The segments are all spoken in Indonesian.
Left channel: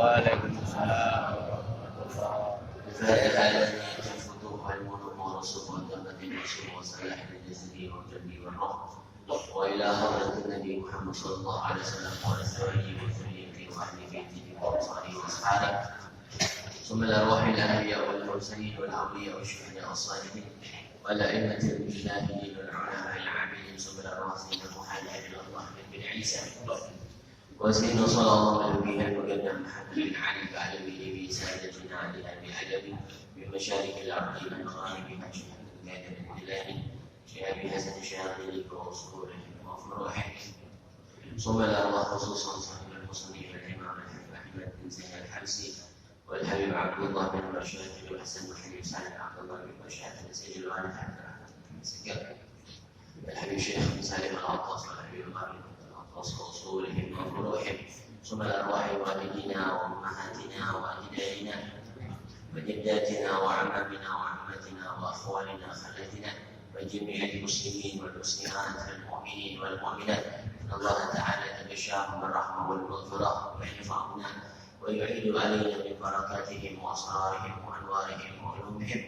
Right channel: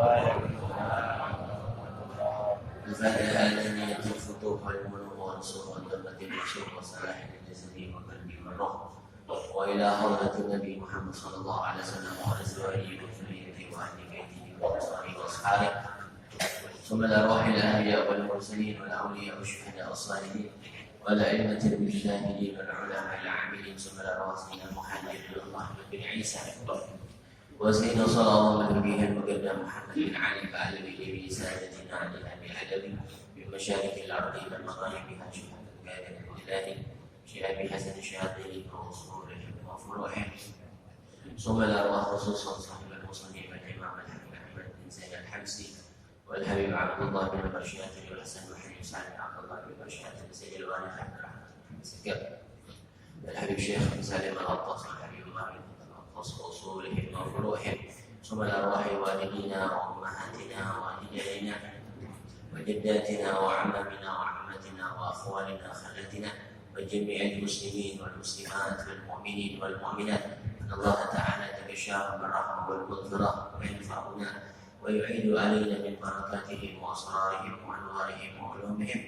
Waalaikumsalam warahmatullahi الفتوح والمنوم والرسوخ والتمة النشوء وصلاح الجسد والقلب والروح وإلى حضرة النبي محمد صلى الله عليه وسلم وأزواجه وذريته وأهل بيته وأنصاره وأصحابه ثم الأرواح الأنبياء والمرسلين والأولياء والشهداء والصالحين والأئمة المجتهدين والعلماء العاملين ثم الأرواح سيدنا محمد بن الله بن عيسى وسيدنا صلى الله عليه وسلم محمد بن علي بعلوي بسادتنا علي أبي علوي بمشارق الأرض إلى مغاربها شهادة القادر الإلهي شهاب حسن الشياطين وأصولهم وفروعهم ثم الأرواح خصوصا صاحب المصنف والإمام أحمد بن زين الحمصي والحبيب عبد الله بن برشاد والحسن والحبيب سالم عبد الله بن برشاد سيد الوالد عبد الرحمن بن سكر والحبيب شيخ بن سالم العطاس والحبيب غالب العطاس وأصولهم وفروعهم ثم الأرواح والدينا وأمهاتنا وأجدادنا وجداتنا وعمامنا وعمتنا وأخوالنا خالتنا وجميع المسلمين والمسلمات والمؤمنين والمؤمنات أن الله تعالى يتبشرهم بالرحمة والمغفرة وينفعنا ويعيد علينا من بركاتهم وأسرارهم وأنوارهم وعلومهم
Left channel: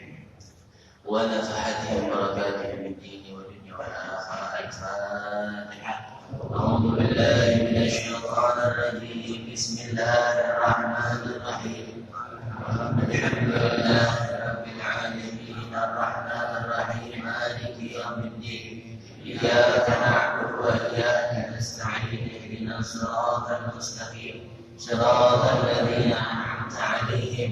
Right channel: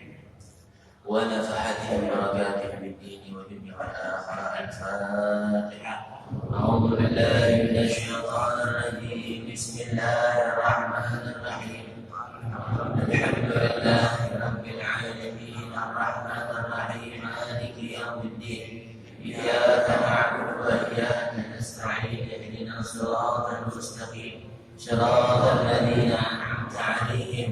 ونفحاتهم بركاتهم بالدين والدنيا والآخرة. الفاتحة. أعوذ بالله من الشيطان الرجيم. بسم الله الرحمن الرحيم. الحمد لله رب العالمين الرحمن الرحيم مالك يوم الدين إياك نعبد وإياك نستعين اهدنا الصراط المستقيم صراط الذين أنعمت عليهم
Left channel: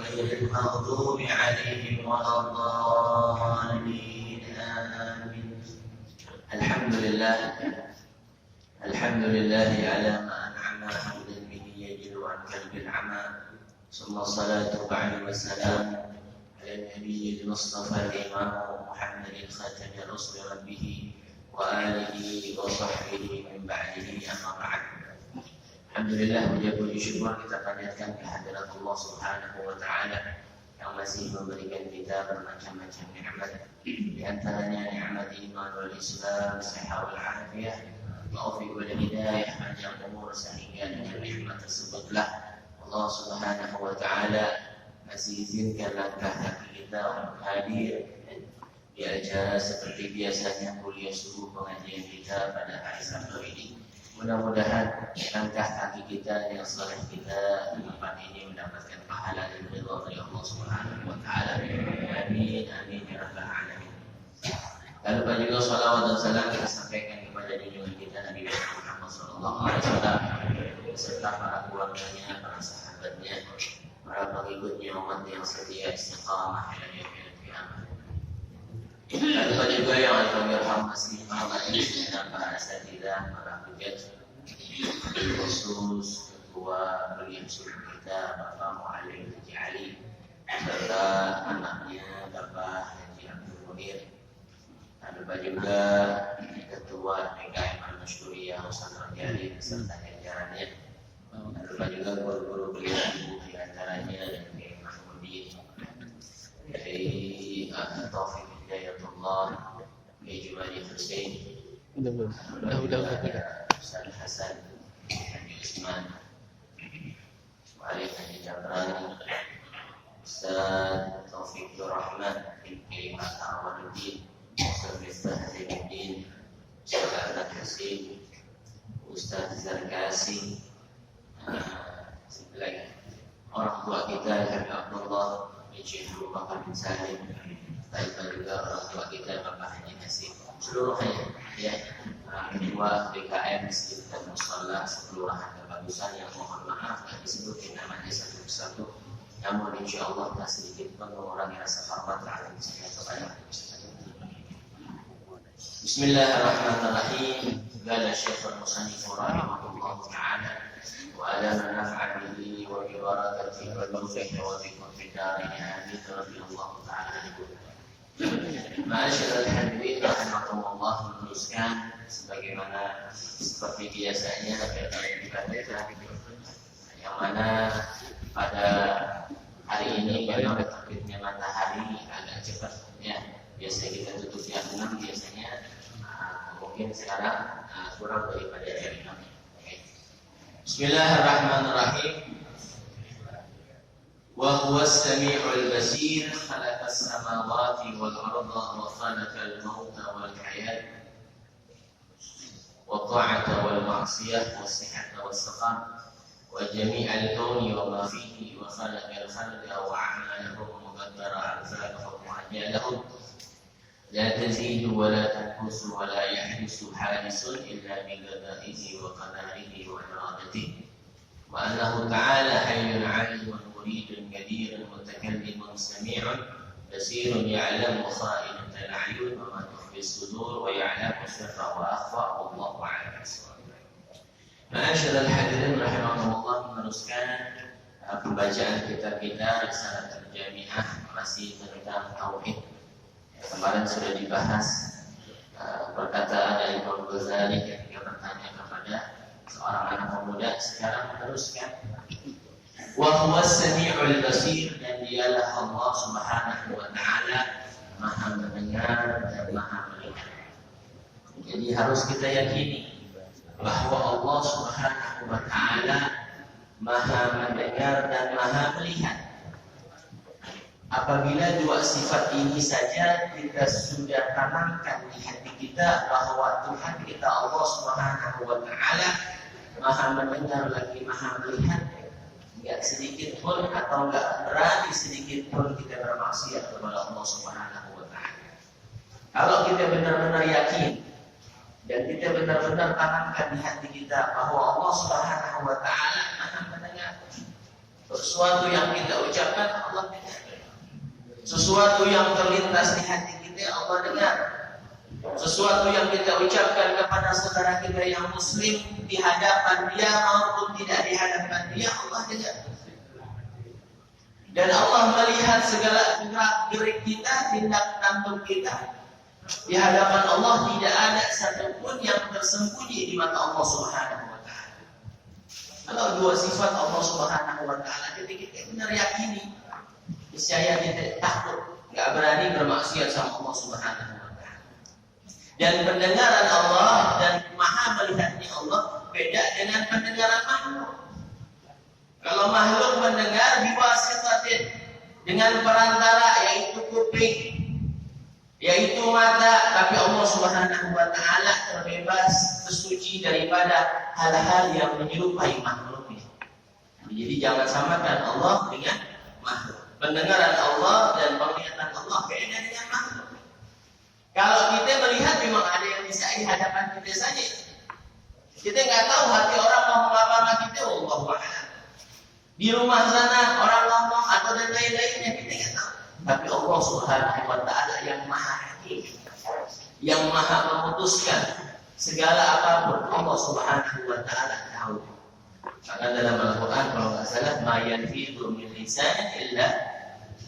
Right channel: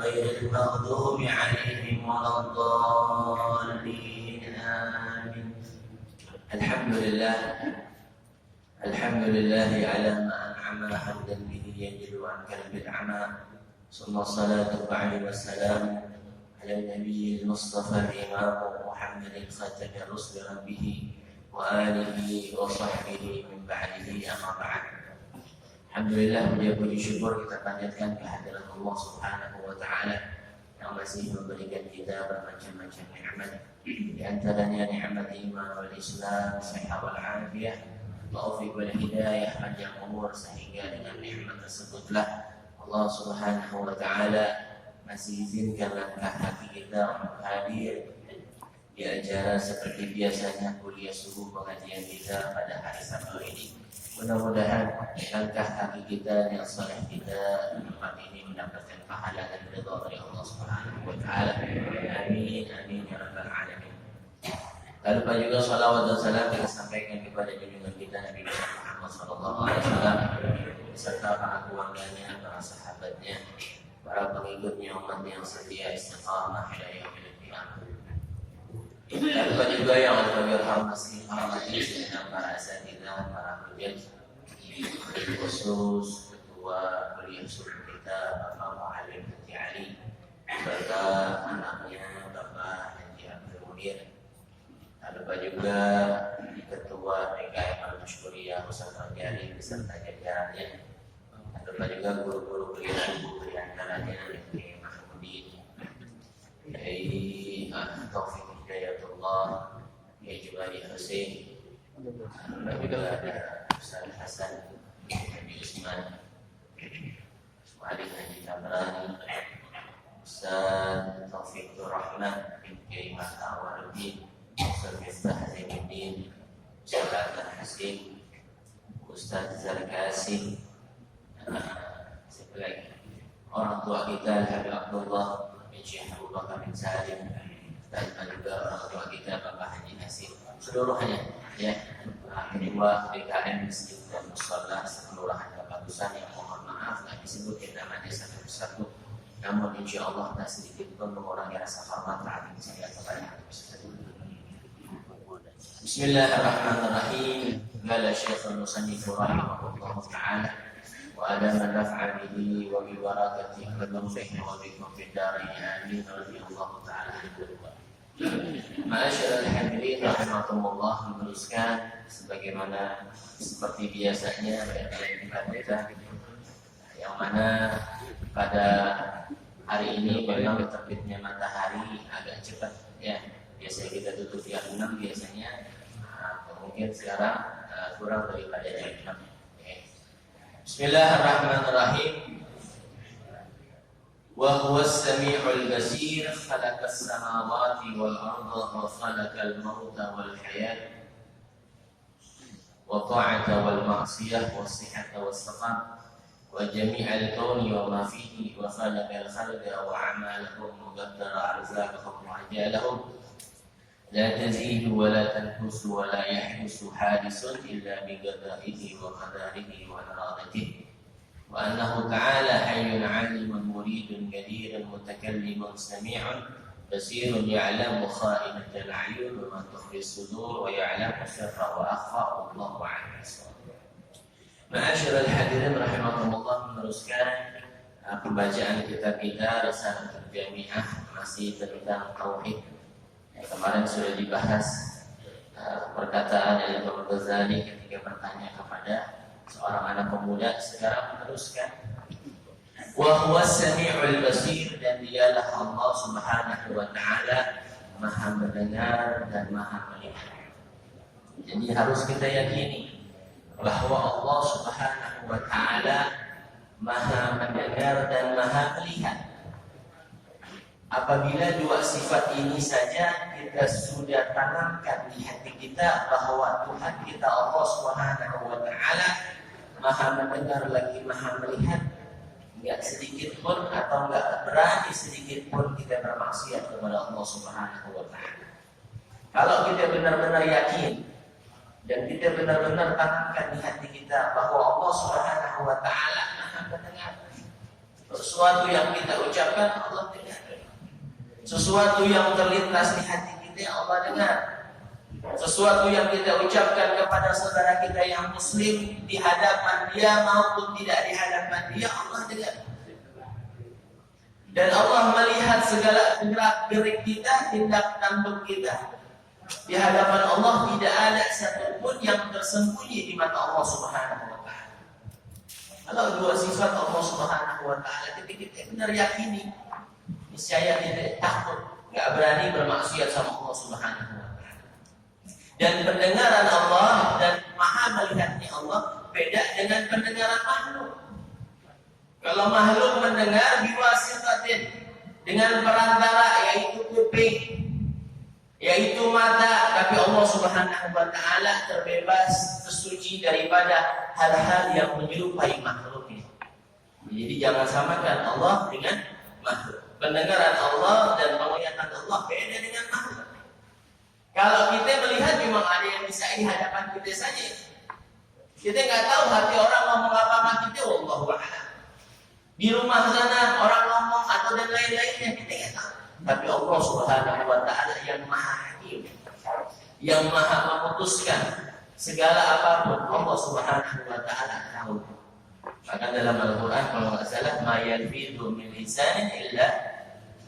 غير المغضوب عليهم ولا الضالين آمين. الحمد لله على ما أنعم حمدا به يجل عن كلب العمى ثم الصلاة بعد والسلام على النبي المصطفى الإمام محمد خاتم رسل ربه وآله وصحبه من بعده أما بعد. Alhamdulillah, puji syukur kita panjatkan kehadirat Allah Subhanahu wa Ta'ala yang masih memberikan kita bermacam-macam nikmat, di antaranya nikmat iman wal Islam, sehat wal afiyah, taufik wal hidayah, panjang umur, sehingga dengan nikmat tersebutlah Allah Subhanahu wa Ta'ala masih izinkan langkah kaki kita untuk hadir di acara seperti biasanya kuliah subuh pengajian kita pada hari Sabtu ini. Mudah-mudahan langkah kaki kita yang saleh kita di tempat ini mendapatkan pahala dan ridha dari Allah Subhanahu wa Ta'ala. Amin amin ya rabbal alamin. Lalu juga salawat dan salam kita sampaikan kepada junjungan kita Nabi Muhammad sallallahu alaihi wasallam beserta para keluarganya, para sahabatnya, para pengikutnya, umat yang setia istiqamah hingga yaumil qiyamah. Lalu juga yang al-fawirham masih menghormati para asatidzah, para hujjaj, khusus ketua kuliah subuh kita Bapak Muallim Haji Ali serta anaknya Bapak Haji Abdul Munir. Lalu juga ketua PKM Al-Mashkuriyah Ustaz Rajali beserta jajarannya. Lalu juga guru-guru kuliah subuh di antaranya Kiai Mahmudin, Kiai Taufik Hidayatullah, Kiai Jumadi Husain, Ustaz Hasan, Haji Usman, Malik Haji Jabrani, Ustaz Taufik Rahman, Kiai Mata Awaluddin, Ustaz Miftah Zainuddin, Ustaz Ahmad Hasim, Ustaz Zarkasi, siapa lagi? Orang tua kita Habib Abdullah bin Syekh Abu Bakar bin Salim, dan juga orang tua kita Bapak Haji Hasim, seluruhnya ya, ketua BKM Masjid dan Musalla Kelurahan Kebagusan yang mohon maaf tidak disebutin namanya satu-satu, namun insya Allah tak sedikit pun mengurangi rasa hormat terhadap saya kepada Bismillahirrahmanirrahim. Qala Syekhul Musannif rahimahullah ta'ala wa ala man naf'a bihi wa bi barakatihi wa bi wa bikum fid darain amin radhiyallahu ta'ala anhu. Ma'asyiral hadirin rahimakumullah, meneruskan sebagaimana seperti biasanya pada kita yang mana pada hari ini memang terbitnya matahari agak cepat ya. Biasanya kita tutup jam 6 biasanya, mungkin sekarang kurang daripada jam 6. Bismillahirrahmanirrahim. وهو السميع البصير خلق السماوات والأرض وخلق الموت والحياة والطاعة والمعصية والصحة والسقام وجميع الكون وما فيه وخلق الخلق وأعمالهم وقدر أرزاقهم وأجالهم لا تزيد ولا تنقص ولا يحدث حادث إلا بقضائه وقدره وإرادته وأنه تعالى حي عليم مريد قدير متكلم سميع بصير يعلم خائنة الأعين وما تخفي الصدور ويعلم السر وأخفى والله أعلم. Ma'asyiral hadirin rahimakumullah, meneruskan pembacaan kitab kita Risalatul Jami'ah masih tentang tauhid. Kemarin sudah dibahas perkataan Imam Ghazali ketika bertanya kepada seorang anak pemuda. Sekarang meneruskan wa huwas sami'ul basir, dan dialah Allah Subhanahu wa taala Maha mendengar dan Maha melihat. Jadi harus kita yakini bahwa Allah Subhanahu wa taala Maha mendengar dan Maha melihat. Apabila dua sifat ini saja kita sudah tanamkan di hati kita bahwa Tuhan kita Allah Subhanahu wa taala Maha mendengar lagi Maha melihat, enggak sedikit pun atau enggak berani sedikit pun kita bermaksiat kepada Allah Subhanahu wa taala. Kalau kita benar-benar yakin dan kita benar-benar tanamkan di hati kita bahwa Allah Subhanahu wa taala Maha mendengar. Sesuatu yang kita ucapkan Allah dengar. Sesuatu yang terlintas di hati kita Allah dengar. Sesuatu yang kita ucapkan kepada saudara kita yang muslim di hadapan dia maupun tidak di hadapan dia Allah dengar. Dan Allah melihat segala gerak-gerik kita, tindak tanduk kita. Di hadapan Allah tidak ada satupun yang tersembunyi di mata Allah Subhanahu wa taala. Kalau dua sifat Allah Subhanahu wa taala kita benar yakini, niscaya kita takut, enggak berani bermaksiat sama Allah Subhanahu wa taala. Dan pendengaran Allah dan Maha melihatnya Allah beda dengan pendengaran makhluk. Kalau makhluk mendengar biwasitatin, dengan perantara yaitu kuping, yaitu mata, tapi Allah Subhanahu wa taala terbebas, tersuci daripada hal-hal yang menyerupai makhluknya. Jadi jangan samakan Allah dengan makhluk. Pendengaran Allah dan penglihatan Allah beda dengan makhluk. Kalau kita melihat memang ada yang bisa di hadapan kita saja. Kita nggak tahu hati orang ngomong apa sama kita, wallahu a'lam. Di rumah sana orang ngomong atau dan lain-lainnya kita nggak tahu. Tapi Allah Subhanahu wa taala yang Maha Hakim, yang Maha memutuskan segala apapun, Allah Subhanahu wa taala tahu. Maka dalam Al-Qur'an kalau enggak salah, ma yanfidu min lisanin illa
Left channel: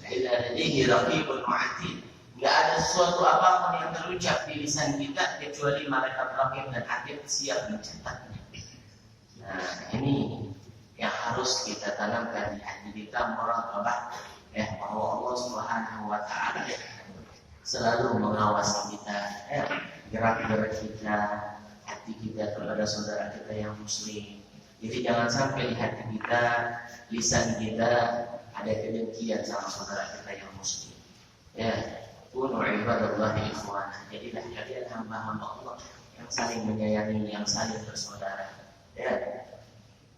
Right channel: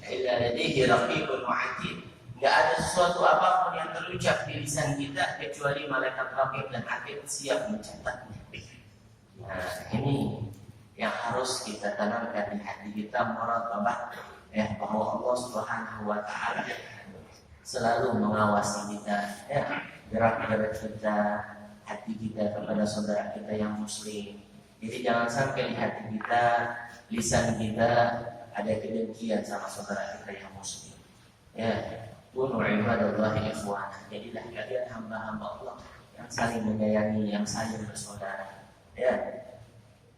ladaihi raqibun 'atid. Enggak ada sesuatu apapun yang terucap di lisan kita kecuali malaikat raqib dan 'atid siap mencatatnya. Nah, ini yang harus kita tanamkan di hati kita, muraqabah, ya, bahwa Allah Subhanahu wa taala selalu mengawasi kita, ya, gerak-gerik kita, hati kita kepada saudara kita yang muslim. Jadi jangan sampai di hati kita, lisan kita ada kedengkian sama saudara kita yang muslim. Ya, kunu ibadallahi ikhwana. Jadilah kalian hamba-hamba Allah yang saling menyayangi, yang saling bersaudara. Ya.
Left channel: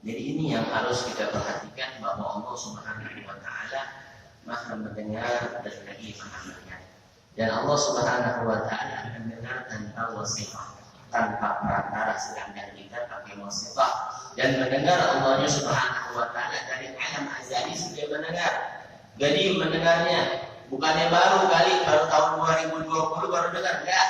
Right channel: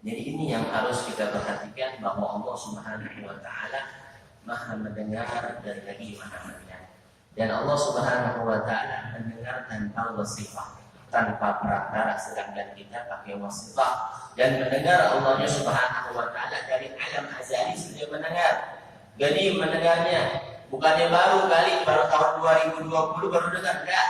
Jadi ini yang harus kita perhatikan, bahwa Allah Subhanahu wa taala Maha mendengar dan lagi Maha melihat. Dan Allah Subhanahu wa taala mendengar tanpa wasifah, tanpa perantara, sedangkan kita pakai wasifah. Dan mendengar Allahnya Subhanahu wa taala dari alam azali sudah mendengar. Jadi mendengarnya bukannya baru tahun 2020 baru dengar, enggak.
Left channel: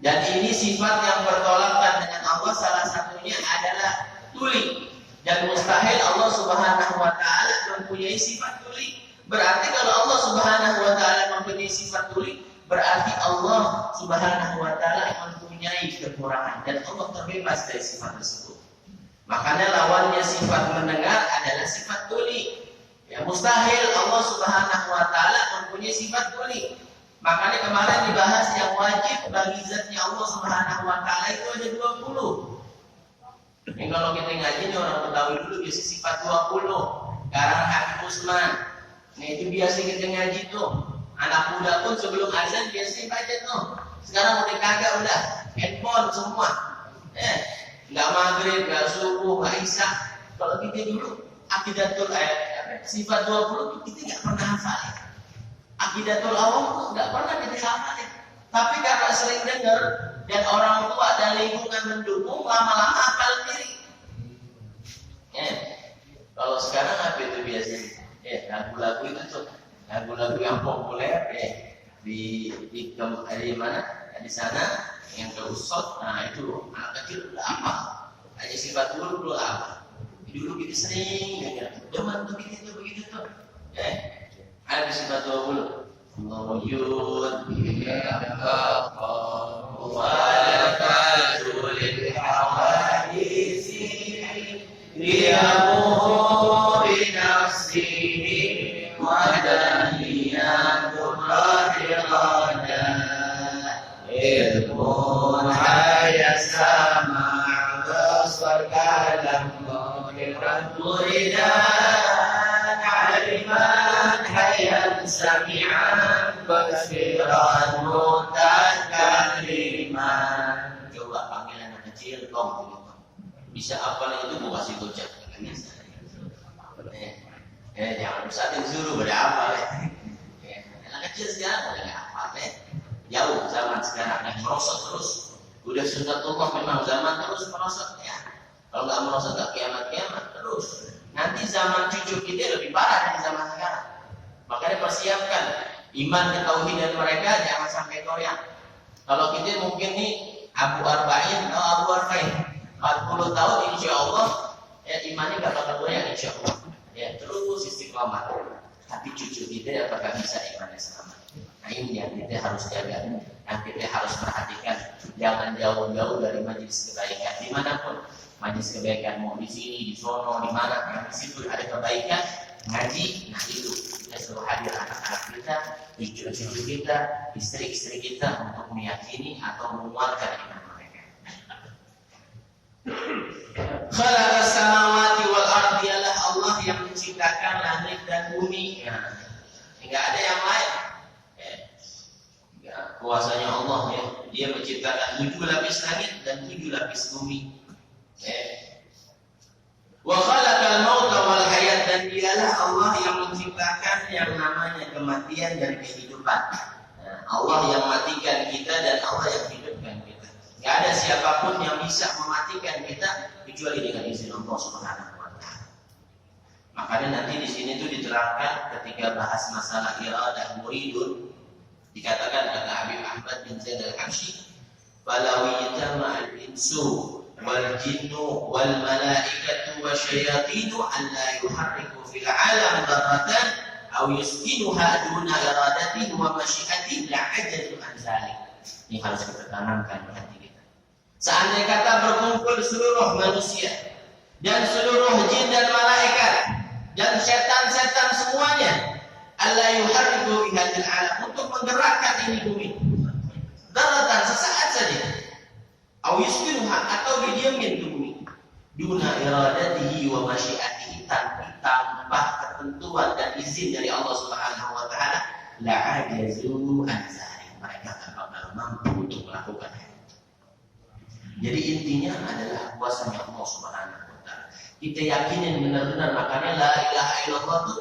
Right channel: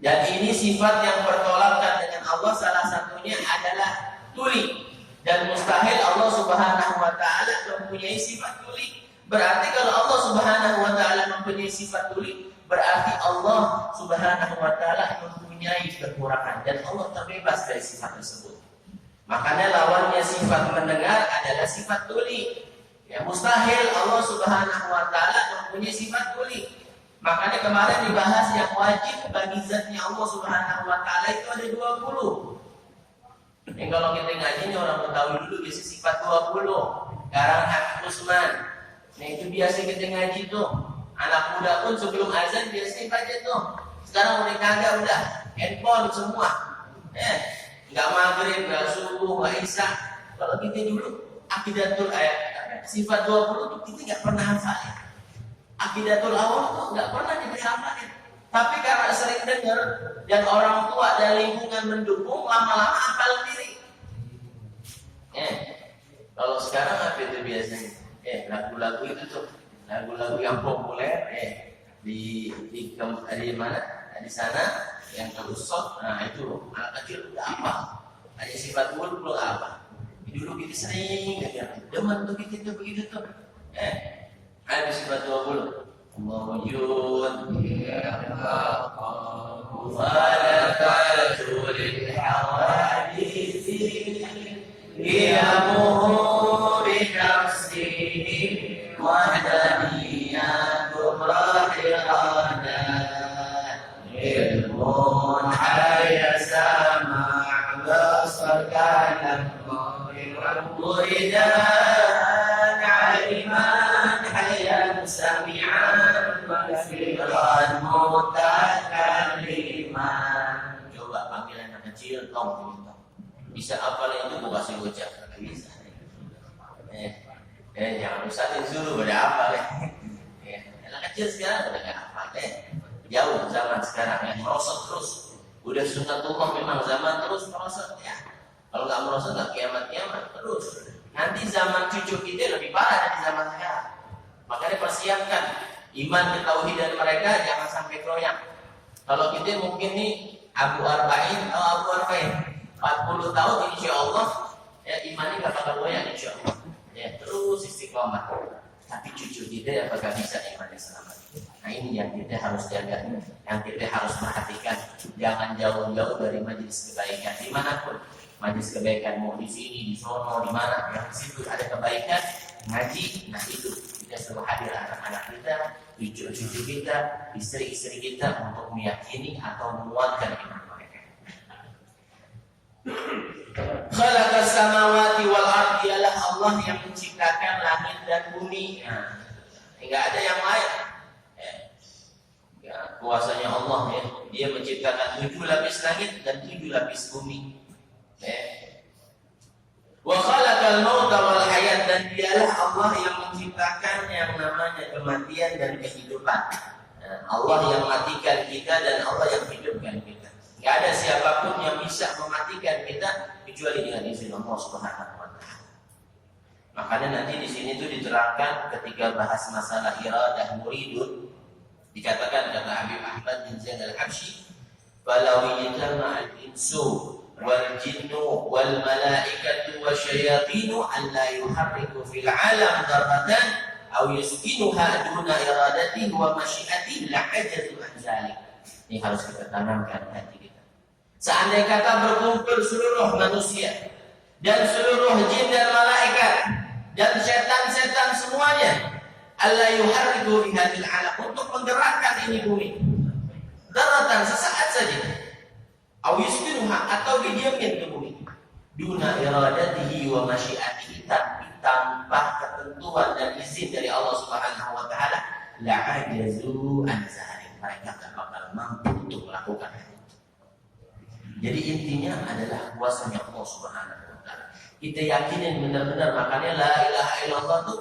Dan ini sifat yang bertolakkan dengan Allah, salah satunya adalah tuli. Dan mustahil Allah Subhanahu wa taala mempunyai sifat tuli. Berarti kalau Allah Subhanahu wa taala mempunyai sifat tuli, berarti Allah Subhanahu wa taala mempunyai kekurangan dan Allah terbebas dari sifat tersebut. Makanya lawannya sifat mendengar adalah sifat tuli. Ya, mustahil Allah Subhanahu wa taala mempunyai sifat tuli. Makanya kemarin dibahas yang wajib bagi zatnya Allah Subhanahu wa taala itu ada 20. Ini kalau kita ngaji ini orang Betawi dulu biasa sifat 20. Karang Habib Usman, Nah itu biasa kita ngaji tuh. Anak muda pun sebelum azan biasanya baca tuh. Sekarang udah kagak, udah handphone semua. Nggak maghrib, nggak subuh, nggak isya. Kalau kita dulu akidatul sifat 20 tuh kita nggak pernah hafalin. Akidatul awal tuh nggak pernah kita hafalin. Tapi karena sering dengar dan orang tua dan lingkungan mendukung, lama-lama hafal diri. Kalau sekarang apa itu biasanya? Lagu-lagu itu tuh, lagu-lagu yang populer di mana? Di sana yang terusot. Nah itu anak kecil udah apa? Hanya sifat dulu apa? Dulu kita sering dengar, demen tuh kita tuh begitu tuh. Ada sifat 20. Mawjud walakatul hawadisi liyamu binafsihi wadaniyatul rahirana ilmun hayasa ma'basar kalam muridan aliman hayan sami'an basiran mutakalliman. Coba panggil anak kecil, tong. Bisa hafal itu gua kasih gocap. Bisa. Jangan rusakin dulu pada hafal anak kecil sekarang udah nggak hafal jauh zaman sekarang merosot terus. Udah sunnatullah memang zaman terus merosot Kalau nggak merosot nggak kiamat terus. Nanti zaman cucu kita lebih parah dari zaman sekarang. Makanya persiapkan iman ketauhidan mereka jangan sampai goyang. Kalau kita mungkin nih Abu Arba'in 40 tahun insya Allah imannya nggak bakal goyang insya Allah. Terus istiqomah. Tapi cucu kita apakah bisa imannya selamat? Nah ini yang kita harus jaga, yang kita harus perhatikan. Jangan jauh-jauh dari majelis kebaikan dimanapun. Majelis kebaikan mau di sini, di sono, di mana yang di situ ada kebaikan ngaji. Nah itu kita suruh hadir anak-anak kita, cucu-cucu kita, istri-istri kita untuk meyakini atau menguatkan iman mereka. Khalaqas samawati wal ardi, Allah yang menciptakan langit dan bumi. Enggak ada yang lain. Kuasanya Allah Dia menciptakan 7 lapis langit dan 7 lapis bumi. Wa khalaqal mauta wal hayat, dan dialah Allah yang menciptakan yang namanya kematian dan kehidupan. Allah yang matikan kita dan Allah yang hidupkan kita. Tidak ada siapapun yang bisa mematikan kita kecuali dengan izin Allah Subhanahu wa taala. Makanya nanti di sini tuh diterangkan ketika bahas masalah iradah muridun, dikatakan kata Habib Ahmad bin Zaid al-Habsyi, "Falawi jama'al insu wal jinnu wal malaikatu wasyayatinu an la yuharriku fil alam darratan aw yuskinuha duna iradatihi wa masyiatihi la ajazu an zalik." Ini harus kita tanamkan di hati kita. Seandainya kata berkumpul seluruh manusia dan seluruh jin dan malaikat dan setan-setan semuanya, alla yuharriku fi hadhil alam, untuk menggerakkan ini bumi daratan sesaat saja, awiskinuha, atau didiamin ke bumi, duna iradatihi wa masyiatihi, tanpa ketentuan dan izin dari Allah Subhanahu wa taala, la ajazu an zalik, mereka tak bakal mampu untuk melakukan itu. Jadi intinya adalah kuasanya Allah Subhanahu wa taala. Kita yakinin benar-benar, makanya la ilaha illallah tuh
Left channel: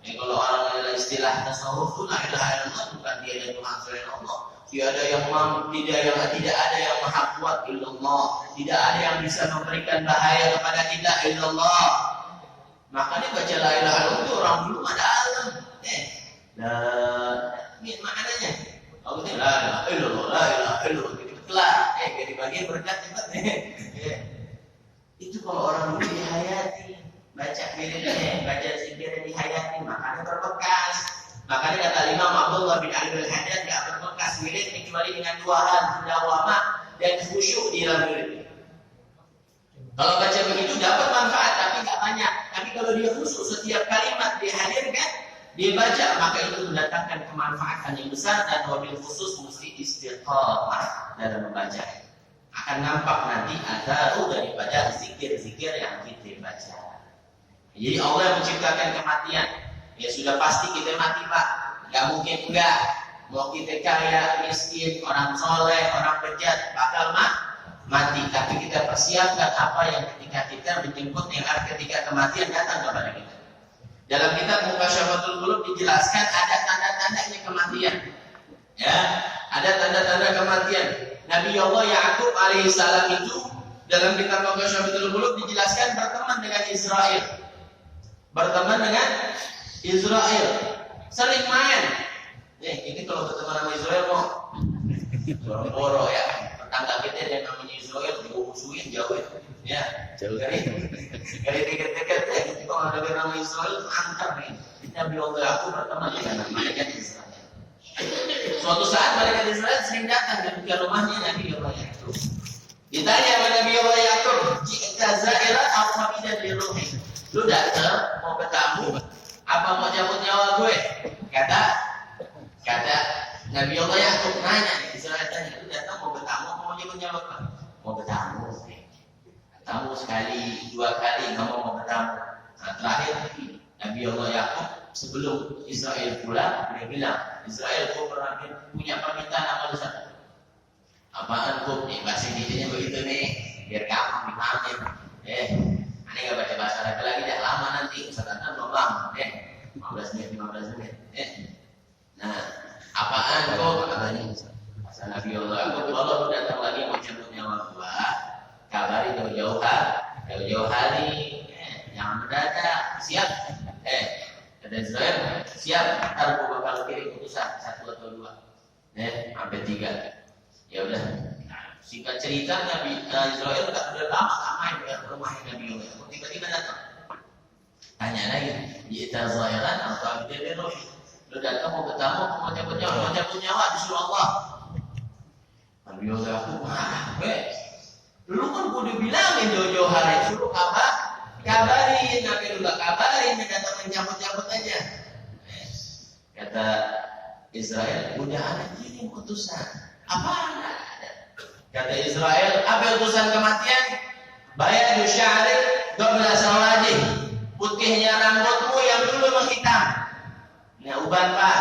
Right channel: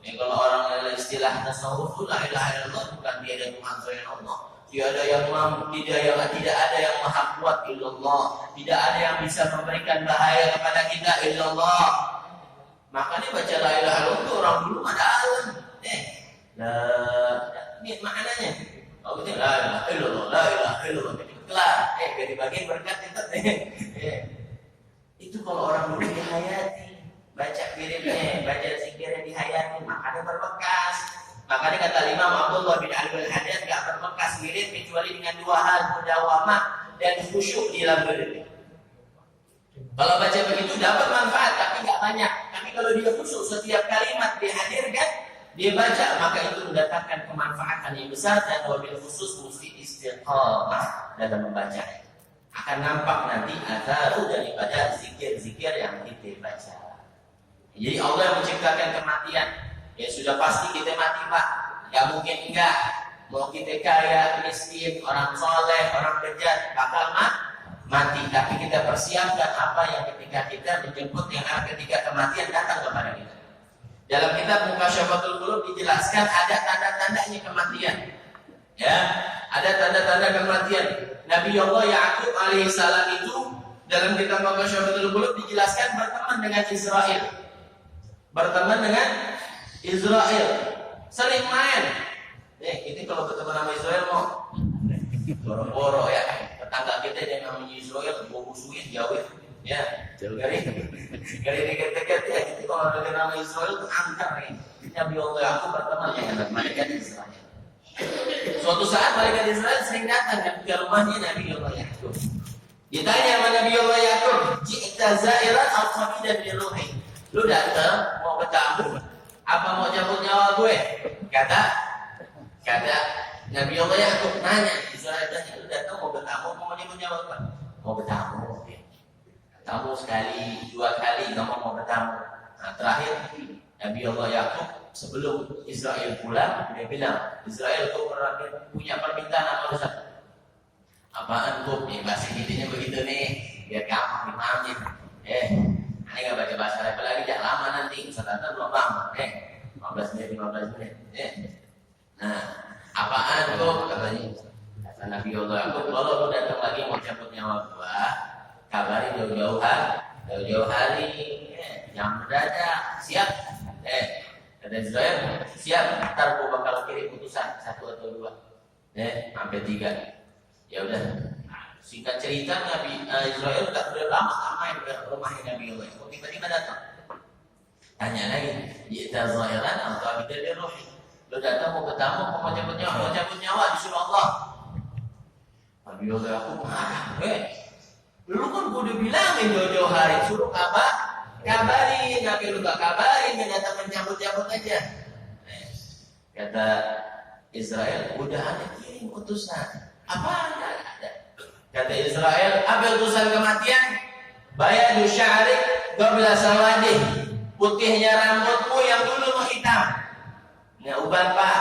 kalau orang istilah tasawuf tuh la ilaha illallah bukan dia ada Tuhan selain Allah. Tidak ada yang tidak ada yang maha kuat illallah. Tidak ada yang bisa memberikan bahaya kepada kita illallah. Makanya baca la ilaha illallah itu orang dulu ada alam. Maknanya kalau kita la ilaha illallah, la ilaha illallah itu kelar. Dari bagian berkat itu kalau orang dulu dihayati, baca wiridnya, baca zikirnya dihayati, makanya berbekas. Makanya kata Imam Abdullah bin Ali al-Haddad, gak berbekas wirid kecuali dengan 2 hal, mudawamah dan khusyuk di dalam wirid. Kalau baca begitu dapat manfaat, tapi gak banyak. Tapi kalau dia khusyuk, setiap kalimat dihadirkan, dia baca, maka itu mendatangkan kemanfaatan yang besar. Dan wabil khusus mesti istiqamah dalam membaca. Akan nampak nanti atharu daripada zikir-zikir yang kita baca. Jadi Allah yang menciptakan kematian, Ya sudah pasti kita mati Pak. Gak mungkin enggak. Mau kita kaya, miskin, orang soleh, orang bejat, bakal mati. Tapi kita persiapkan apa yang ketika kita menjemput yang ketika kematian datang kepada kita. Dalam kitab Mukasyaffatul Qulub dijelaskan ada tanda-tandanya kematian. Ya, ada tanda-tanda kematian. Nabi Allah Ya'qub alaihissalam itu dalam kitab Mukasyaffatul Qulub dijelaskan berteman dengan Israel. Berteman dengan Israel. Sering main. Ini kalau berteman sama Israel mau boro-boro ya. Tetangga kita yang namanya Israel musuhin jauh ya. Dari dekat-dekat ya. Gitu kalau ada nama Israel antar nih. Nabi Allah Ya'qub berteman dengan malaikat Israel. Suatu saat malaikat Israel sering datang ke rumahnya Nabi Allah Ya'qub. Ditanya sama Nabi Allah Ya'qub, "Ji'ta za'iran aw qamidan li ruhi?" Lu datang mau bertamu apa mau cabut nyawa gue? Kata Nabi Allah Ya'qub nanya, Israel tanya, "Lu datang mau bertamu apa mau cabut nyawa gue?" Mau bertamu. Tamu sekali, 2 kali nggak mau bertamu. Nah, terakhir Nabi Allah Ya'qub sebelum Israel pulang dia bilang, "Israel kau punya permintaan apa lu satu?" "Apaan kau?" Nih bahasa Indonesia begitu nih, biar gampang dipahamin. Ini nggak baca bahasa Arab lagi, jangan lama nanti. Ustaznya belum lama. 15 menit. Nah, apaan kau? Katanya. Kata Nabi Allah Ya'qub, "Kalau lu datang lagi mau cabut nyawa gua, kabari jauh-jauh hari, yang mendadak, siap." Kata Israel, "Siap, ntar gua bakal kirim utusan 1 atau 2, sampai 3. Ya udah. Singkat cerita Nabi Israel tak lama main ke rumahnya Nabi Allah. Tiba-tiba datang. Tanya lagi, "Ji'ta za'iran atau qamidan li ruhi?" Lu datang mau bertamu, mau cabut nyawa disuruh Allah. Nabi Allah aku lu kan gua udah bilangin jauh-jauh hari suruh kabarin, tapi lu gak kabarin, datang mencabut-cabut aja. Kata Israel, "Udah ada kirim utusan." Apaan ada? Kata Israel, "Apa utusan kematian? Bayadu sya'rik qabla sawadih." Putihnya rambutmu yang dulu menghitam. Nah, uban Pak.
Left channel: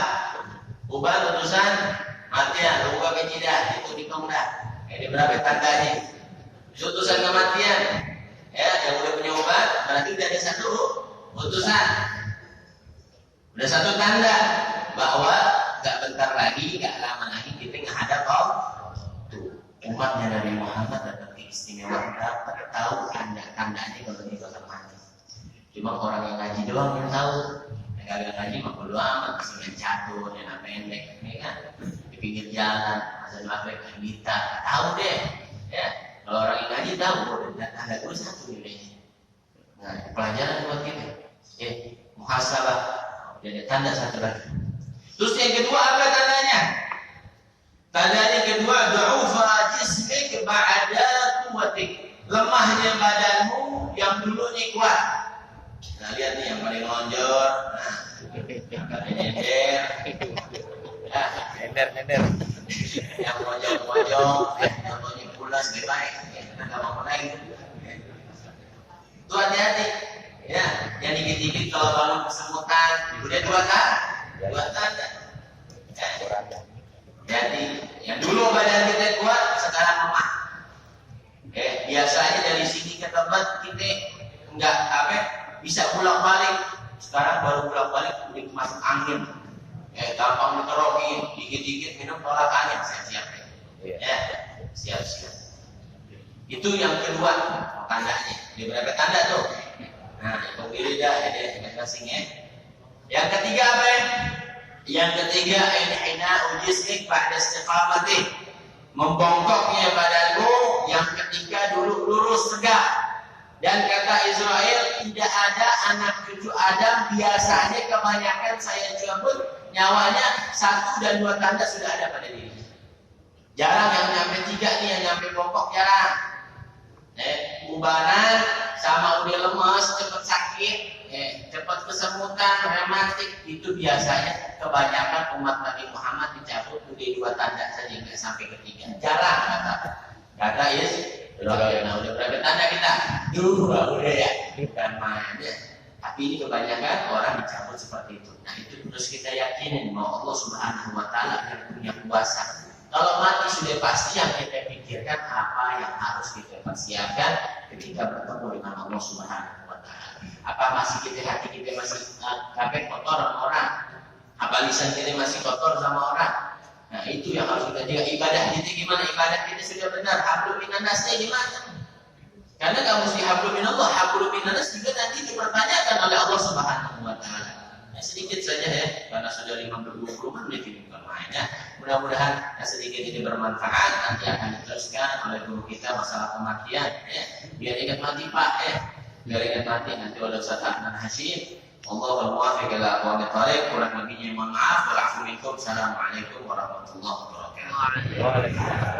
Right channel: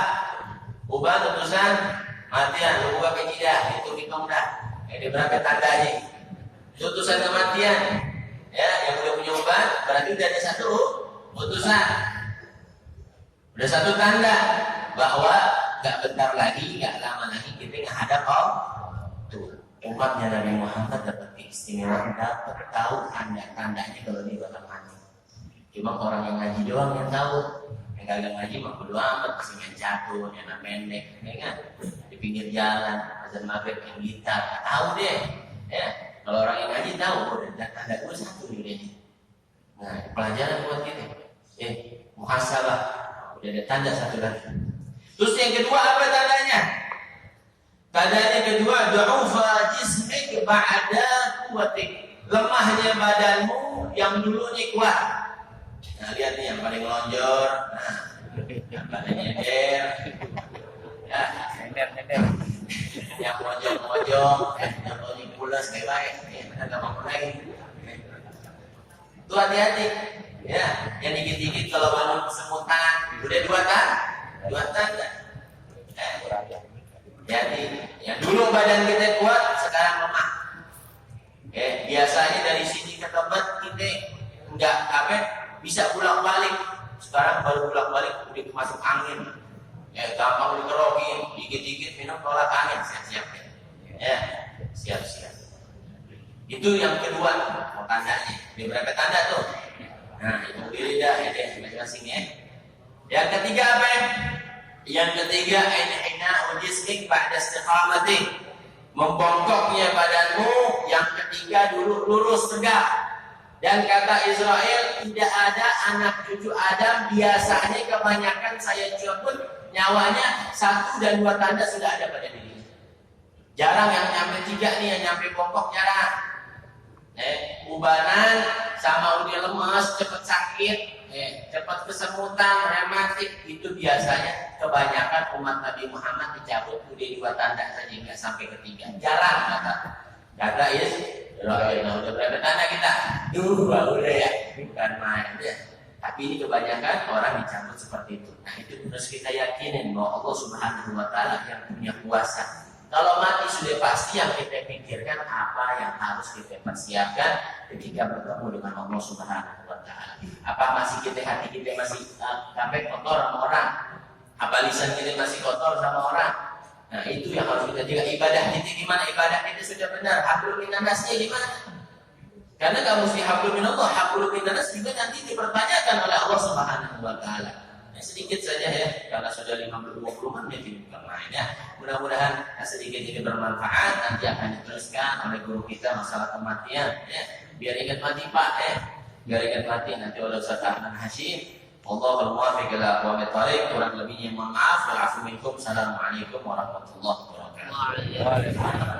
Uban utusan kematian, lu buka pecidah, itu hitung dah. Ini berapa tandanya? Utusan kematian. Ya, yang udah punya uban berarti udah ada 1 utusan. Udah 1 tanda bahwa gak bentar lagi, gak lama lagi kita menghadap umatnya Nabi Muhammad dapat keistimewaan, dapat tahu tanda-tandanya kalau dia bakal mati. Cuma orang yang ngaji doang yang tahu, yang kagak ngaji mah bodo amat, masih main catur, yang pendek, ya kan? Di pinggir jalan, azan maghrib yang gitar, tahu deh. Ya, kalau orang yang ngaji tahu, tanda gue 1 nih deh. Nah, pelajaran buat kita. Muhasabah, udah ada tanda 1 lagi. Terus yang kedua apa tandanya? Tandanya kedua, du'ufa jismik ba'da quwwatik. Lemahnya badanmu yang dulunya kuat. Nah, lihat nih yang paling lonjor. Nah, yang paling nyender. Ya, nyender. Yang mojong, contohnya pulas baik-baik. Kita enggak mau naik. Itu hati-hati. Ya, yang dikit-dikit kalau bangun kesemutan, udah 2 tanda. Jadi yang dulu badan kita kuat, sekarang lemah. Biasanya dari sini ke tempat kita enggak bisa pulang balik. Sekarang baru pulang balik udah masuk angin. Gampang dikerokin, dikit-dikit minum tolak angin, siap-siap. Ya, siap-siap. Itu yang kedua tandanya. Ada berapa tanda tuh? Nah, itu diri dah, ini masing-masing ya. Yang ketiga apa ya? Yang ketiga, inhina ujisnik ba'da istiqamati. Membongkoknya badanmu yang ketika dulu lurus tegak. Dan kata Israel, tidak ada anak cucu Adam, biasanya kebanyakan saya cabut nyawanya 1 dan 2 tanda sudah ada pada diri. Jarang yang nyampe 3 nih, yang nyampe bongkok jarang. Ubanan sama udah lemas, cepat sakit, cepat kesemutan, rematik, itu biasanya kebanyakan umat Nabi Muhammad dicabut udah 2 tanda saja, nggak sampai ke 3. Jarang kata Israel. Udah berapa tanda kita? 2 udah ya, bukan main ya. Tapi ini kebanyakan orang dicabut seperti itu. Nah itu harus kita yakinin bahwa Allah Subhanahu Wa Taala yang punya kuasa. Kalau mati sudah pasti, yang kita pikirkan apa yang harus kita persiapkan ketika bertemu dengan Allah Subhanahu Wa Taala. Apa masih hati kita masih kabeh kotor sama orang? Apa lisan kita masih kotor sama orang? Nah itu yang harus kita jaga. Ibadah kita gimana? Ibadah kita sudah benar. Hablum minannasnya gimana? Karena kalau mesti hablum minallah, hablum minannas juga nanti dipertanyakan oleh Allah Subhanahu Wa Taala. Sedikit saja ya, karena sudah 50-20 menit ini bukan main ya. Mudah-mudahan sedikit ini bermanfaat. Nanti akan diteruskan oleh guru kita masalah kematian ya. Biar ingat mati Pak ya. Biar ingat mati nanti oleh Ustaz Ahmad Hashim. Allahul muwaffiq ila aqwamit thoriq. Kurang lebihnya mohon maaf. Assalamualaikum warahmatullahi wabarakatuh.